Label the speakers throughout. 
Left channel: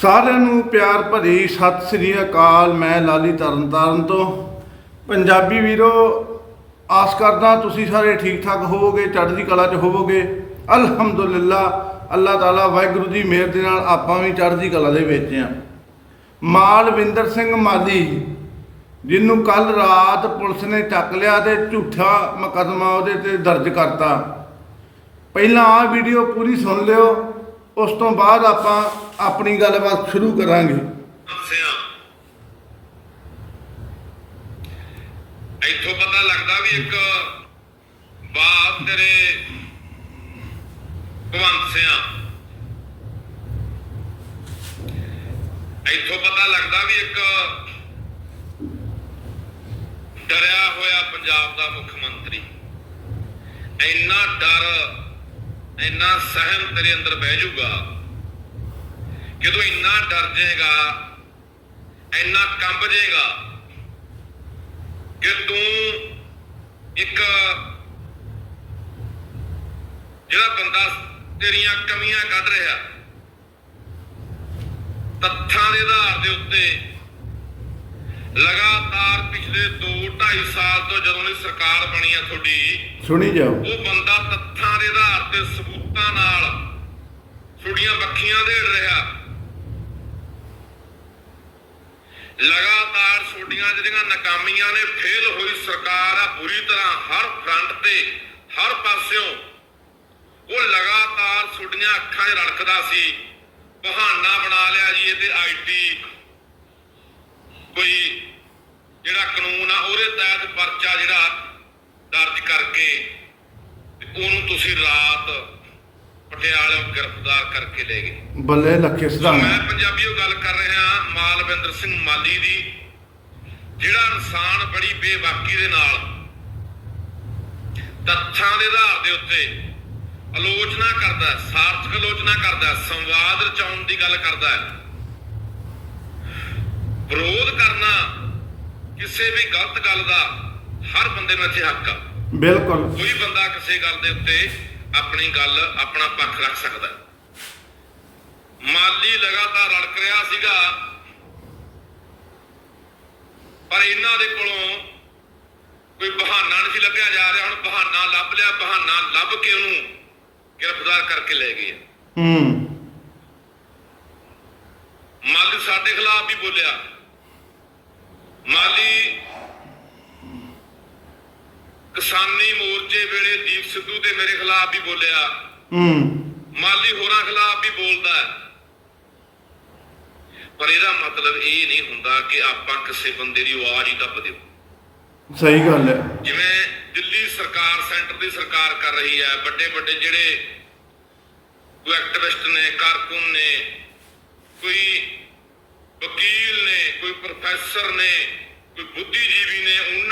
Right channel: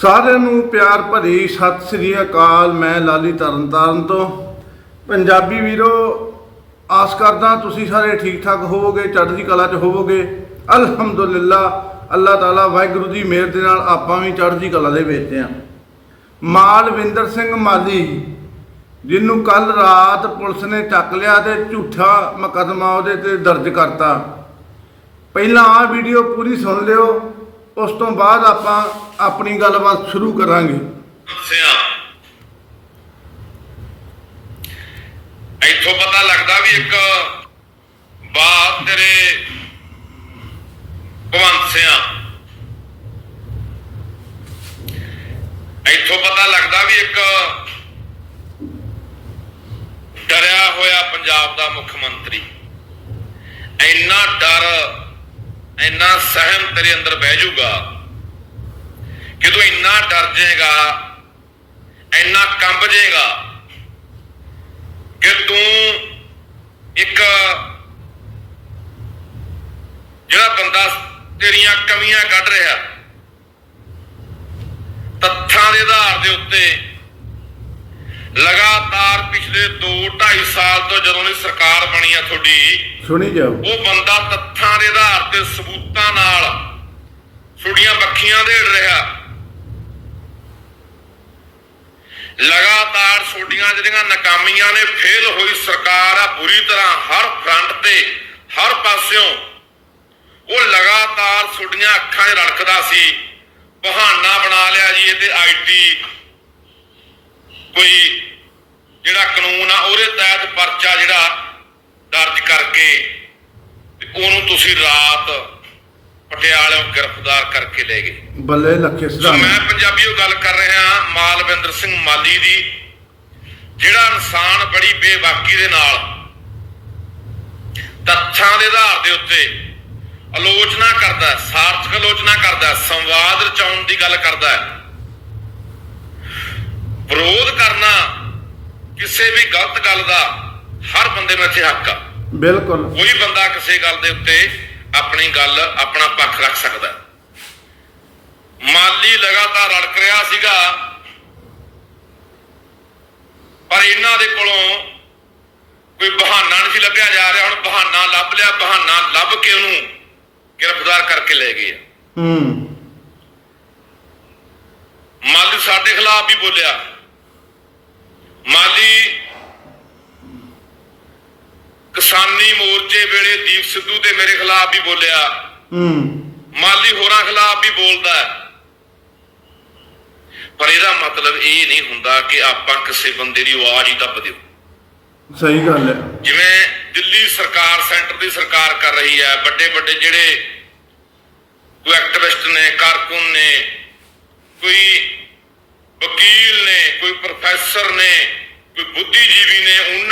Speaker 1: ਸਾਰਿਆਂ ਨੂੰ ਪਿਆਰ ਭਰੀ ਸਤਿ ਸ੍ਰੀ ਅਕਾਲ। ਮੈਂ ਲਾਲੀ ਤਰਨਤਾਰਨ ਤੋਂ। ਪੰਜਾਬੀ ਵੀਰੋ, ਆਸ ਕਰਦਾ ਤੁਸੀਂ ਸਾਰੇ ਠੀਕ ਠਾਕ ਹੋਵੋਗੇ, ਚੜ੍ਹਦੀ ਕਲਾ 'ਚ ਹੋਵੋਗੇ। ਅਲਹਮਦੁਲਿਲਾ, ਅੱਲਾਹ ਤਾਲਾ ਵਾਹਿਗੁਰੂ ਦੀ ਮਿਹਰ ਦੇ ਨਾਲ ਆਪਾਂ ਵੀ ਚੜ੍ਹਦੀ ਕਲਾ ਦੇ ਵਿੱਚ ਆ ਮਾਲਵਿੰਦਰ ਸਿੰਘ ਮਾਲੀ, ਜਿਹਨੂੰ ਕੱਲ ਰਾਤ ਪੁਲਿਸ ਨੇ ਚੱਕ ਲਿਆ ਤੇ ਝੂਠਾ ਮੁਕੱਦਮਾ ਉਹਦੇ ਤੇ ਦਰਜ ਕਰਤਾ। ਪਹਿਲਾਂ ਆਹ ਵੀਡੀਓ ਪੂਰੀ ਸੁਣ ਲਿਓ, ਉਸ ਤੋਂ ਬਾਅਦ ਆਪਾਂ ਆਪਣੀ ਗੱਲਬਾਤ ਸ਼ੁਰੂ ਕਰਾਂਗੇ।
Speaker 2: ਸਿਆ ਇੱਥੋਂ ਪਤਾ ਲੱਗਦਾ ਵੀ ਇੱਕ ਬਾਤ ਤੇਰੇ ਭਵੰਤ ਸਿਆ। ਇੱਥੋਂ ਪਤਾ ਲੱਗਦਾ ਵੀ ਇੱਕ ਡਰਿਆ ਹੋਇਆ ਪੰਜਾਬ ਦਾ ਮੁੱਖ ਮੰਤਰੀ। ਇੰਨਾ ਡਰ, ਇੰਨਾ ਸਹਿਮ ਤੇਰੇ ਅੰਦਰ ਬਹਿ ਜਾਊਗਾ। ਕਿ ਤੂੰ ਇੰਨਾ ਡਰ ਜਾਏਗਾ ਇੰਨਾ ਕੰਬ ਜਾਏਗਾ ਕਿ ਤੂੰ ਇੱਕ ਜਿਹੜਾ ਬੰਦਾ ਤੇਰੀਆਂ ਕਮੀਆਂ ਕੱਢ ਰਿਹਾ ਤੱਥਾਂ ਦੇ ਆਧਾਰ ਦੇ ਉੱਤੇ ਲਗਾਤਾਰ ਪਿਛਲੇ 2 2.5 ਸਾਲ ਤੋਂ ਜਦੋਂ ਦੀ ਸਰਕਾਰ ਬਣੀ ਆ ਤੁਹਾਡੀ
Speaker 1: ਸੁਣੀ ਜਾਓ।
Speaker 2: ਉਹ ਬੰਦਾ ਤੱਥਾਂ ਦੇ ਆਧਾਰ ਤੇ ਸਬੂਤਾਂ ਨਾਲ ਛੁੜੀਆਂ ਬੱਖੀਆਂ ਦੇੜ ਰਿਹਾ। ਲਗਾਤਾਰ ਛੋਡੀਆਂ ਜਿਹੜੀਆਂ ਨਾਕਾਮੀਆਂ ਨੇ ਫੇਲ ਹੋਈ ਸਰਕਾਰ ਆ, ਬੁਰੀ ਤਰ੍ਹਾਂ ਹਰ ਫਰੰਟ ਤੇ, ਹਰ ਪਾਸਿਓਂ, ਉਹ ਲਗਾਤਾਰ ਛੋਡੀਆਂ ਅੱਖਾਂ 'ਚ ਰੜਕਦਾ ਸੀ। ਬਹਾਨਾ ਬਣਾ ਲਿਆ ਜੀ ਇਹਦੇ ਆਈਟੀ ਕੋਈ ਜਿਹੜਾ ਕਾਨੂੰਨ ਆ, ਉਹਦੇ ਤਹਿਤ ਪਰਚਾ ਜਿਹੜਾ ਦਰਜ ਕਰਕੇ ਉਹਨੂੰ ਤੁਸੀਂ ਰਾਤ ਪਟਿਆਲੇ ਗ੍ਰਿਫਤਾਰ ਕਰਕੇ ਲੈ ਗਏ।
Speaker 1: ਬੱਲੇ ਲੱਖੇ
Speaker 2: ਸੋ ਮੈਂ ਪੰਜਾਬੀਓ ਗੱਲ ਕਰ ਰਿਹਾ ਮਾਲਵਿੰਦਰ ਸਿੰਘ ਮਾਲੀ ਦੀ ਜਿਹੜਾ ਇਨਸਾਨ ਬੜੀ ਬੇਬਾਕੀ ਦੇ ਨਾਲ ਤੱਥਾਂ ਦੇ ਆਧਾਰ ਦੇ ਉੱਤੇ ਆਲੋਚਨਾ ਕਰਦਾ ਸਾਰਥਕ ਆਲੋਚਨਾ ਕਰਦਾ ਸੰਵਾਦ ਰਚਾਉਣ ਦੀ ਗੱਲ ਕਰਦਾ ਵਿਰੋਧ ਕਰਨਾ ਕਿਸੇ ਵੀ ਗਲਤ ਗੱਲ ਦਾ ਹਰ ਬੰਦੇ ਨੂੰ ਇੱਥੇ ਹੱਕ ਆ।
Speaker 1: ਬਿਲਕੁਲ।
Speaker 2: ਕੋਈ ਬੰਦਾ ਕਿਸੇ ਗੱਲ ਦੇ ਉੱਤੇ ਆਪਣੀ ਗੱਲ ਆਪਣਾ ਪੱਖ ਰੱਖ ਸਕਦਾ। ਮਾਲੀ ਲਗਾਤਾਰ ਰੜਕ ਰਿਹਾ ਸੀਗਾ। ਪਰ ਇਹਨਾਂ ਦੇ ਕੋਲੋਂ ਕੋਈ ਬਹਾਨਾ ਨਹੀਂ ਲੱਭਿਆ ਜਾ ਰਿਹਾ। ਹੁਣ ਬਹਾਨਾ ਲੱਭ ਲਿਆ ਬਹਾਨਾ ਲੱਭ ਕੇ ਉਹਨੂੰ ਗ੍ਰਿਫਤਾਰ ਕਰਕੇ ਲੈ ਗਏ
Speaker 1: ਹੂੰ।
Speaker 2: ਮਾਲੀ ਸਾਡੇ ਖਿਲਾਫ ਵੀ ਬੋਲਿਆ। ਮਾਲੀ ਕਿਸਾਨੀ ਮੋਰਚੇ ਵੇਲੇ ਦੀਪ ਸਿੱਧੂ ਤੇ ਮੇਰੇ ਖਿਲਾਫ ਵੀ ਬੋਲਿਆ।
Speaker 1: ਹੂੰ।
Speaker 2: ਮਾਲੀ ਹੋਰਾਂ ਖਿਲਾਫ ਵੀ ਬੋਲਦਾ ਪਰ ਇਹਦਾ ਮਤਲਬ ਇਹ ਨਹੀਂ ਹੁੰਦਾ ਕਿ ਆਪਾਂ ਕਿਸੇ ਬੰਦੇ ਦੀ ਆਵਾਜ਼ ਹੀ ਦੱਬ ਦਿਓ।
Speaker 1: ਸਹੀ ਗੱਲ ਹੈ।
Speaker 2: ਜਿਵੇਂ ਦਿੱਲੀ ਸਰਕਾਰ ਸੈਂਟਰ ਦੀ ਸਰਕਾਰ ਕਰ ਰਹੀ ਹੈ ਵੱਡੇ ਵੱਡੇ ਜਿਹੜੇ ਕੋਈ ਐਕਟਿਵਿਸਟ ਨੇ ਕਾਰਕੁਨ ਨੇ ਕੋਈ ਵਕੀਲ ਨੇ ਕੋਈ ਪ੍ਰੋਫੈਸਰ ਨੇ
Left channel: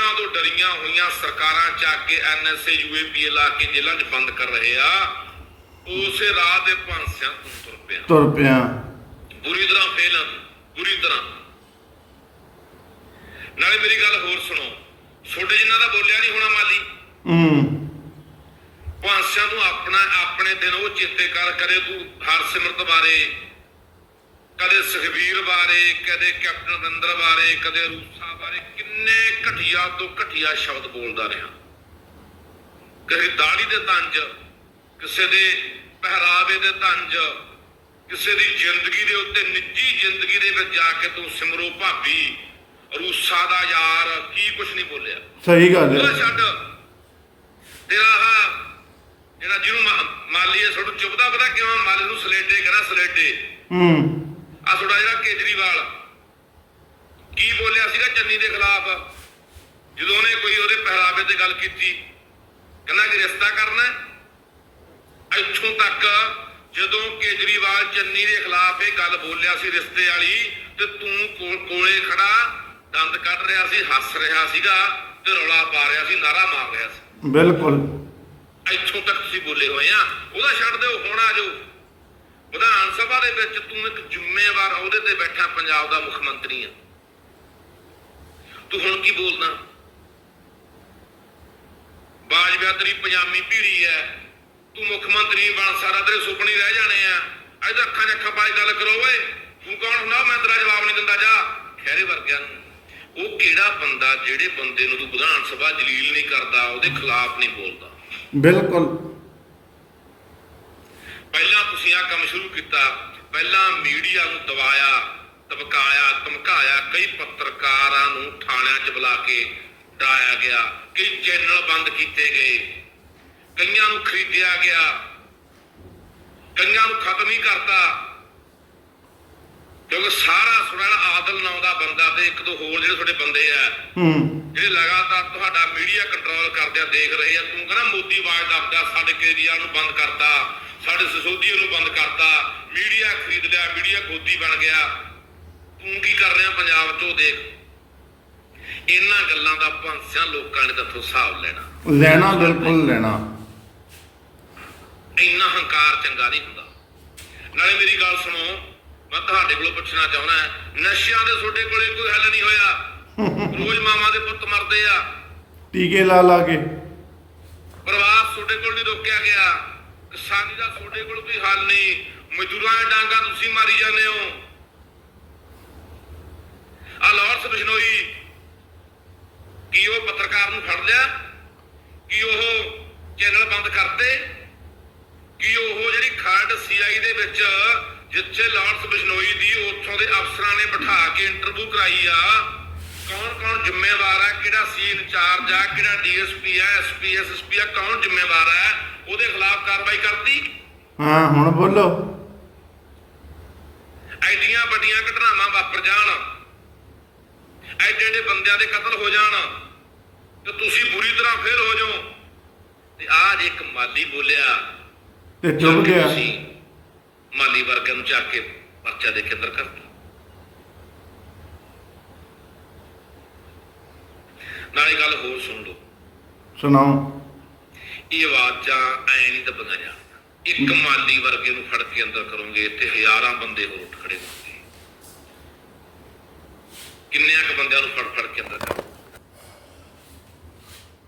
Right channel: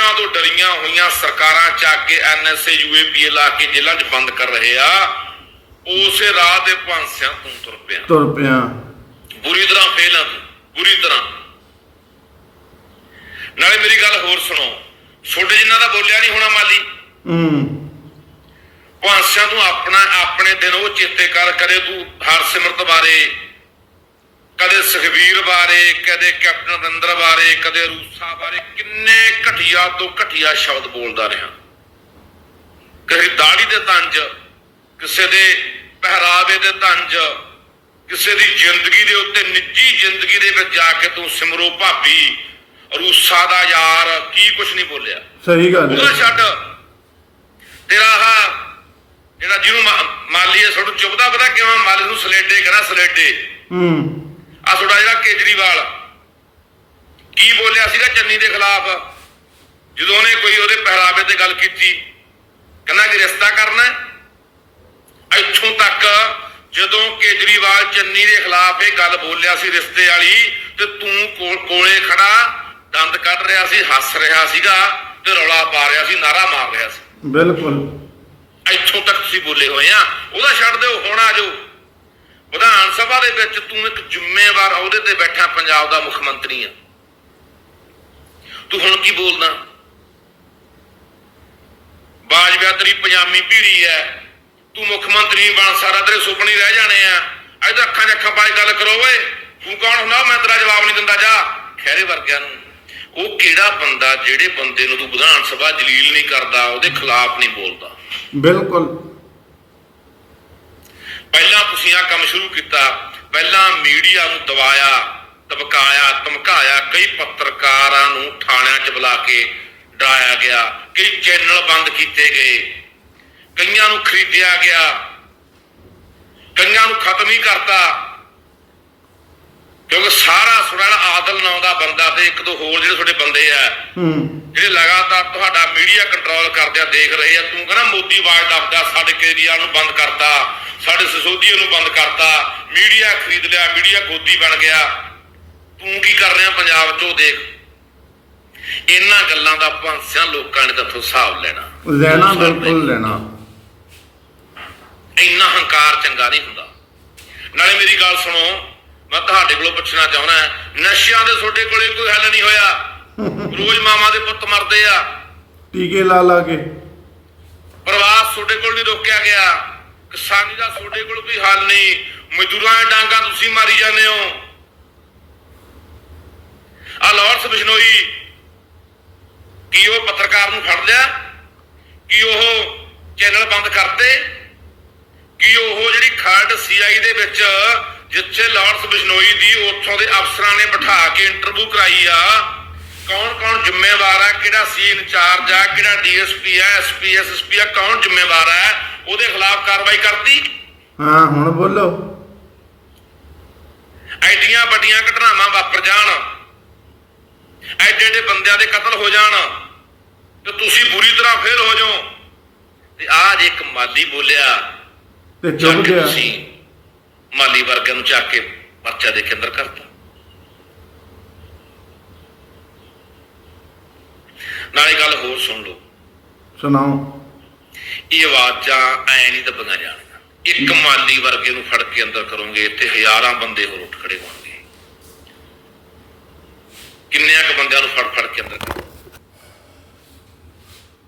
Speaker 2: ਨੇ ਉਹਨਾਂ ਤੋਂ ਡਰੀਆਂ ਹੋਈਆਂ ਸਰਕਾਰਾਂ ਚੱਕ ਕੇ ਐਨਐਸਏ ਯੂਏਪੀਏ ਲਾ ਕੇ ਜੇਲ੍ਹਾਂ 'ਚ ਬੰਦ ਕਰ ਰਹੇ ਆ ਉਸੇ ਰਾਹ ਦੇ ਭਾਂਸਿਆਂ ਤੋਂ ਤੁਰ ਪਿਆ।
Speaker 1: ਤੁਰ ਪਿਆ।
Speaker 2: ਬੁਰੀ ਤਰ੍ਹਾਂ ਫੇਲ ਆ ਬੁਰੀ ਤਰ੍ਹਾਂ। ਨਾਲੇ ਮੇਰੀ ਗੱਲ ਹੋਰ ਸੁਣੋ ਛੋਟੇ ਜਿੰਨਾ ਦਾ ਬੋਲਿਆ ਨਹੀਂ ਹੋਣਾ ਮਾਲੀ?
Speaker 1: ਹੂੰ।
Speaker 2: ਭਾਂਸਿਆਂ ਤੂੰ ਆਪਣਾ ਆਪਣੇ ਦਿਨ ਉਹ ਚੇਤੇ ਕਰ ਕਦੇ ਤੂੰ ਹਰਸਿਮਰਤ ਬਾਰੇ ਕਦੇ ਸੁਖਬੀਰ ਬਾਰੇ ਕਦੇ ਕੈਪਟਨ ਅਮਰਿੰਦਰ ਬਾਰੇ ਕਦੇ ਰੂਸਾ ਬਾਰੇ ਕਿੰਨੇ ਘਟੀਆ ਤੋਂ ਘਟੀਆ ਸ਼ਬਦ ਬੋਲਦਾ ਰਿਹਾ। ਕਿਸੇ ਦਾੜੀ ਦੇ ਤੰਜ ਕਿਸੇ ਦੇ ਪਹਿਰਾਵੇ ਦੇ ਤੰਜ ਕਿਸੇ ਦੀ ਜ਼ਿੰਦਗੀ ਦੇ ਉੱਤੇ ਨਿੱਜੀ ਜ਼ਿੰਦਗੀ ਦੇ ਵਿੱਚ ਜਾ ਕੇ ਤੂੰ ਸਿਮਰੋ ਭਾਬੀ ਰੂਸਾ ਦਾ ਯਾਰ ਕੀ ਕੁਛ ਨਹੀਂ ਬੋਲਿਆ।
Speaker 1: ਸਹੀ ਗੱਲ ਹੈ।
Speaker 2: ਛੱਡ। ਤੇਰਾ ਆਹ ਜਿਹੜਾ ਜਿਹਨੂੰ ਮਾ- ਮਾਲੀ ਹੈ ਛੋਟੂ ਚੁੱਪਦਾ ਪਤਾ ਕਿਉਂ? ਮਾਲੀ ਨੂੰ ਸਲੇਡੇ ਕਹਣਾ ਸਲੇਡੇ
Speaker 1: ਹੂੰ।
Speaker 2: ਆ ਤੁਹਾਡਾ ਜਿਹੜਾ ਕੇਜਰੀਵਾਲ। ਕੀ ਬੋਲਿਆ ਸੀਗਾ ਚੰਨੀ ਦੇ ਖਿਲਾਫ? ਜਦੋਂ ਉਹਨੇ ਕੋਈ ਉਹਦੇ ਪਹਿਰਾਵੇ ਤੇ ਗੱਲ ਕੀਤੀ ਕਹਿੰਦਾ ਕਿ ਰਿਸ਼ਤਾ ਕਰਨਾ? ਇੱਥੋਂ ਤੱਕ ਜਦੋਂ ਕੇਜਰੀਵਾਲ ਚੰਨੀ ਦੇ ਖਿਲਾਫ ਇਹ ਗੱਲ ਬੋਲਿਆ ਸੀ ਰਿਸ਼ਤੇ ਵਾਲੀ ਤੇ ਤੂੰ ਕੋਲ- ਖੜਾ ਦੰਦ ਕੱਢ ਰਿਹਾ ਸੀ ਹੱਸ ਰਿਹਾ ਸੀਗਾ ਤੇ ਰੌਲਾ ਪਾ ਰਿਹਾ ਸੀ ਨਾਰਾ ਮਾਰ ਰਿਹਾ ਸੀ।
Speaker 1: ਬਿਲਕੁਲ।
Speaker 2: ਇੱਥੋਂ ਤੱਕ ਤੁਸੀਂ ਬੋਲੇ ਹੋਏ ਆ। ਉਹਦਾ ਛੱਡ ਦਿਓ ਹੁਣ ਆ ਜਾਓ। ਸਭਾ ਦੇ ਵਿੱਚ ਤੂੰ ਇੱਕ ਜ਼ਿੰਮੇਵਾਰ ਅਹੁਦੇ ਤੇ ਬੈਠਾ ਪੰਜਾਬ ਦਾ ਮੁੱਖ ਮੰਤਰੀ ਆ। ਤੂੰ ਹੁਣ ਕੀ ਬੋਲਦਾ? ਬਾਜਵਾ ਤੇਰੀ ਪਜਾਮੀ ਪੀੜੀ ਐ। ਤੂੰ ਮੁੱਖ ਮੰਤਰੀ ਬਣ, ਸਾਰਾ ਤੇਰੇ ਸੁਪਨੇ ਰਹਿ ਜਾਣੇ ਆ। ਅੱਜ ਤਾਂ ਅੱਖਾਂ 'ਚ ਅੱਖਾਂ ਪਾਈ ਗੱਲ ਕਰੋ ਓਏ। ਤੂੰ ਕੌਣ ਜਵਾਬ ਨਹੀਂ ਦਿੰਦਾ, ਜਾ। ਖੈਰੇ ਵਰਗਿਆਂ ਨੂੰ। ਉਹ ਕਿਹੜਾ ਬੰਦਾ, ਜਿਹੜੇ ਬੰਦੇ ਨੂੰ ਤੂੰ ਵਿਧਾਨ ਸਭਾ ਜਲੀਲ ਨਹੀਂ ਕਰਦਾ, ਉਹਦੇ ਖਿਲਾਫ ਨਹੀਂ ਬੋਲਦਾ?
Speaker 1: ਬਿਲਕੁਲ।
Speaker 2: ਪਹਿਲਾਂ ਤੁਸੀਂ ਆ ਕੰਮ ਸ਼ੁਰੂ ਕੀਤਾ ਪਹਿਲਾਂ ਮੀਡੀਆ ਨੂੰ ਦਬਾਇਆ ਧਮਕਾਇਆ ਧਮਕਾਇਆ ਕਈ ਪੱਤਰਕਾਰਾਂ ਨੂੰ ਥਾਣਿਆਂ 'ਚ ਬੁਲਾ ਕੇ ਡਰਾਇਆ ਗਿਆ ਕਈ ਚੈਨਲ ਬੰਦ ਕੀਤੇ ਗਏ ਕਈਆਂ ਨੂੰ ਖਰੀਦਿਆ ਗਿਆ ਕਈਆਂ ਨੂੰ ਖਤਮ ਹੀ ਕਰਤਾ। ਕਿਉਂਕਿ ਸਾਰਾ ਸੁਣਨ ਆਦਲ ਨਾਂ ਦਾ ਬੰਦਾ ਤੇ ਇੱਕ ਦੋ ਹੋਰ ਜਿਹੜੇ ਤੁਹਾਡੇ ਬੰਦੇ ਆ
Speaker 1: ਹੂੰ।
Speaker 2: ਜਿਹੜੇ ਲਗਾਤਾਰ ਤੁਹਾਡਾ ਮੀਡੀਆ ਕੰਟਰੋਲ ਕਰਦੇ ਆ ਦੇਖ ਰਹੇ ਆ ਤੂੰ ਕਹਿੰਦਾ ਮੋਦੀ ਆਵਾਜ਼ ਦੱਸਦਾ ਸਾਡੇ ਕੇਰੀਆ ਨੂੰ ਬੰਦ ਕਰਤਾ। ਸਾਡੇ ਸਸੋਦੀਏ ਨੂੰ ਬੰਦ ਕਰਤਾ ਮੀਡੀਆ ਖਰੀਦ ਲਿਆ ਮੀਡੀਆ ਗੋਦੀ ਬਣ ਗਿਆ। ਤੂੰ ਕੀ ਕਰ ਰਿਹਾ ਪੰਜਾਬ 'ਚ ਦੇਖ? ਇਹਨਾਂ ਗੱਲਾਂ ਦਾ ਭਾਂਸਿਆਂ ਲੋਕਾਂ ਨੇ ਤਾਂ ਹਿਸਾਬ ਲੈਣਾ।
Speaker 1: ਲੈਣਾ ਬਿਲਕੁਲ ਲੈਣਾ।
Speaker 2: ਇੰਨਾ ਹੰਕਾਰ ਚੰਗਾ ਨਹੀਂ ਹੁੰਦਾ। ਨਾਲੇ ਮੇਰੀ ਗੱਲ ਸੁਣੋ ਮੈਂ ਤੁਹਾਡੇ ਕੋਲੋਂ ਪੁੱਛਣਾ ਚਾਹੁੰਦਾ ਨਸ਼ਿਆਂ ਦੇ ਤੁਹਾਡੇ ਕੋਲੇ ਕੋਈ ਹੱਲ ਨਹੀਂ ਹੋਇਆ? ਰੋਜ਼ ਮਾਮਾ ਦੇ ਪੁੱਤ ਮਰਦੇ ਆ।
Speaker 1: ਟੀਕੇ ਲਾ ਲਾ ਕੇ।
Speaker 2: ਪ੍ਰਵਾਸ ਤੁਹਾਡੇ ਕੋਲ ਨਹੀਂ ਰੋਕਿਆ ਗਿਆ। ਕਿਸਾਨੀ ਦਾ ਤੁਹਾਡੇ ਕੋਲ ਕੋਈ ਹੱਲ ਨਹੀਂ। ਮਜ਼ਦੂਰਾਂ ਦੀਆਂ ਡਾਂਗਾ ਤੁਸੀਂ ਮਾਰੀ ਜਾਂਦੇ ਹੋ। ਆ ਲਾਰੈਂਸ ਬਿਸ਼ਨੋਈ ਕੀ ਉਹ ਪੱਤਰਕਾਰ ਨੂੰ ਫੜ ਲਿਆ? ਕੀ ਉਹ ਚੈਨਲ ਬੰਦ ਕਰਤੇ? ਕੀ ਉਹ ਜਿਹੜੀ ਖਰੜ ਸੀਆਈ ਦੇ ਵਿੱਚ ਜਿੱਥੇ ਲਾਰੈਂਸ ਬਿਸ਼ਨੋਈ ਦੀ ਉੱਥੋਂ ਦੇ ਅਫਸਰਾਂ ਨੇ ਬਿਠਾ ਕੇ ਇੰਟਰਵਿਊ ਕਰਾਈ ਆ, ਕੌਣ ਕੌਣ ਜ਼ਿੰਮੇਵਾਰ ਆ? ਕਿਹੜਾ ਸੀ ਇੰਚਾਰਜ ਆ? ਕਿਹੜਾ ਡੀਐਸਪੀ ਆ? ਐਸਪੀ ਐਸਐਸਪੀ ਆ? ਕੌਣ ਜ਼ਿੰਮੇਵਾਰ ਆ? ਉਹਦੇ ਖਿਲਾਫ ਕਾਰਵਾਈ ਕਰਤੀ।
Speaker 1: ਹਾਂ ਹੁਣ ਬੋਲੋ।
Speaker 2: ਐਡੀਆਂ ਵੱਡੀਆਂ ਘਟਨਾਵਾਂ ਵਾਪਰ ਜਾਣ ਐਡੇ ਐਡੇ ਬੰਦਿਆਂ ਦੇ ਕਤਲ ਹੋ ਜਾਣ ਤੇ ਤੁਸੀਂ ਬੁਰੀ ਤਰ੍ਹਾਂ ਫੇਲ ਹੋ ਜਾਓ। ਤੇ ਆਜ ਇੱਕ ਮਾਲੀ ਬੋਲਿਆ
Speaker 1: ਤੇ ਚੁੱਪ ਗਿਆ।
Speaker 2: ਮਾਲੀ ਵਰਗਿਆਂ ਨੂੰ ਚੱਕ ਕੇ ਪਰਚਾ ਦੇ ਕੇ ਅੰਦਰ ਕਰਤਾ ਨਾਲੇ ਗੱਲ ਹੋਰ ਸੁਣ ਲਓ।
Speaker 1: ਸੁਣਾਓ।
Speaker 2: ਇਹ ਆਵਾਜ਼ਾਂ ਐ ਨਹੀਂ ਦੱਬੀਆਂ ਜਾਣਗੀਆਂ। ਇੱਕ ਮਾਲੀ ਵਰਗੇ ਨੂੰ ਫੜ ਕੇ ਅੰਦਰ ਕਰੋਗੇ ਇੱਥੇ ਹਜ਼ਾਰਾਂ ਬੰਦੇ ਹੋਰ ਉੱਠ ਖੜੇ ਹੋਣਗੇ। ਕਿੰਨਿਆਂ ਕੁ ਬੰਦਿਆਂ ਨੂੰ ਫੜ ਫੜ ਕੇ ਅੰਦਰ ਕਰੋ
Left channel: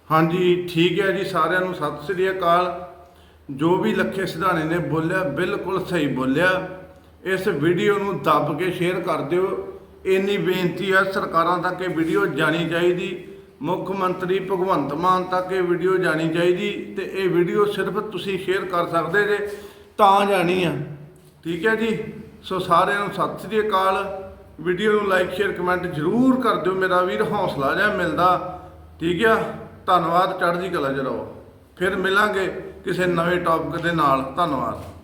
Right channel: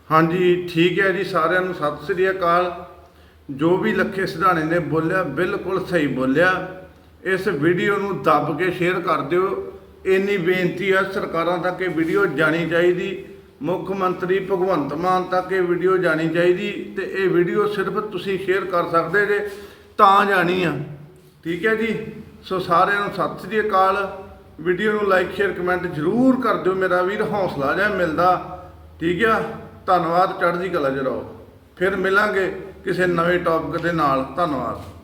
Speaker 1: ਹਾਂਜੀ ਠੀਕ ਹੈ ਜੀ ਸਾਰਿਆਂ ਨੂੰ ਸਤਿ ਸ੍ਰੀ ਅਕਾਲ। ਜੋ ਵੀ ਲੱਖੇ ਸਿਧਾਣੇ ਨੇ ਬੋਲਿਆ ਬਿਲਕੁਲ ਸਹੀ ਬੋਲਿਆ। ਇਸ ਵੀਡੀਓ ਨੂੰ ਦੱਬ ਕੇ ਸ਼ੇਅਰ ਕਰ ਦਿਓ। ਇੰਨੀ ਬੇਨਤੀ ਹੈ ਸਰਕਾਰਾਂ ਤੱਕ ਇਹ ਵੀਡੀਓ ਜਾਣੀ ਚਾਹੀਦੀ। ਮੁੱਖ ਮੰਤਰੀ ਭਗਵੰਤ ਮਾਨ ਤੱਕ ਇਹ ਵੀਡੀਓ ਜਾਣੀ ਚਾਹੀਦੀ ਤੇ ਇਹ ਵੀਡੀਓ ਸਿਰਫ ਤੁਸੀਂ ਸ਼ੇਅਰ ਕਰ ਸਕਦੇ ਜੇ, ਤਾਂ ਜਾਣੀ ਆ। ਠੀਕ ਹੈ ਜੀ? ਸੋ ਸਾਰਿਆਂ ਨੂੰ ਸਤਿ ਸ੍ਰੀ ਅਕਾਲ। ਵੀਡੀਓ ਨੂੰ ਲਾਈਕ ਸ਼ੇਅਰ ਕਮੈਂਟ ਜ਼ਰੂਰ ਕਰ ਦਿਓ ਮੇਰਾ ਵੀਰ, ਹੌਸਲਾ ਜਿਹਾ ਮਿਲਦਾ। ਠੀਕ ਆ? ਧੰਨਵਾਦ, ਚੜ੍ਹਦੀ ਕਲਾ ਚ ਫਿਰ ਮਿਲਾਂਗੇ ਕਿਸੇ ਨਵੇਂ ਟੌਪਿਕ ਦੇ ਨਾਲ। ਧੰਨਵਾਦ।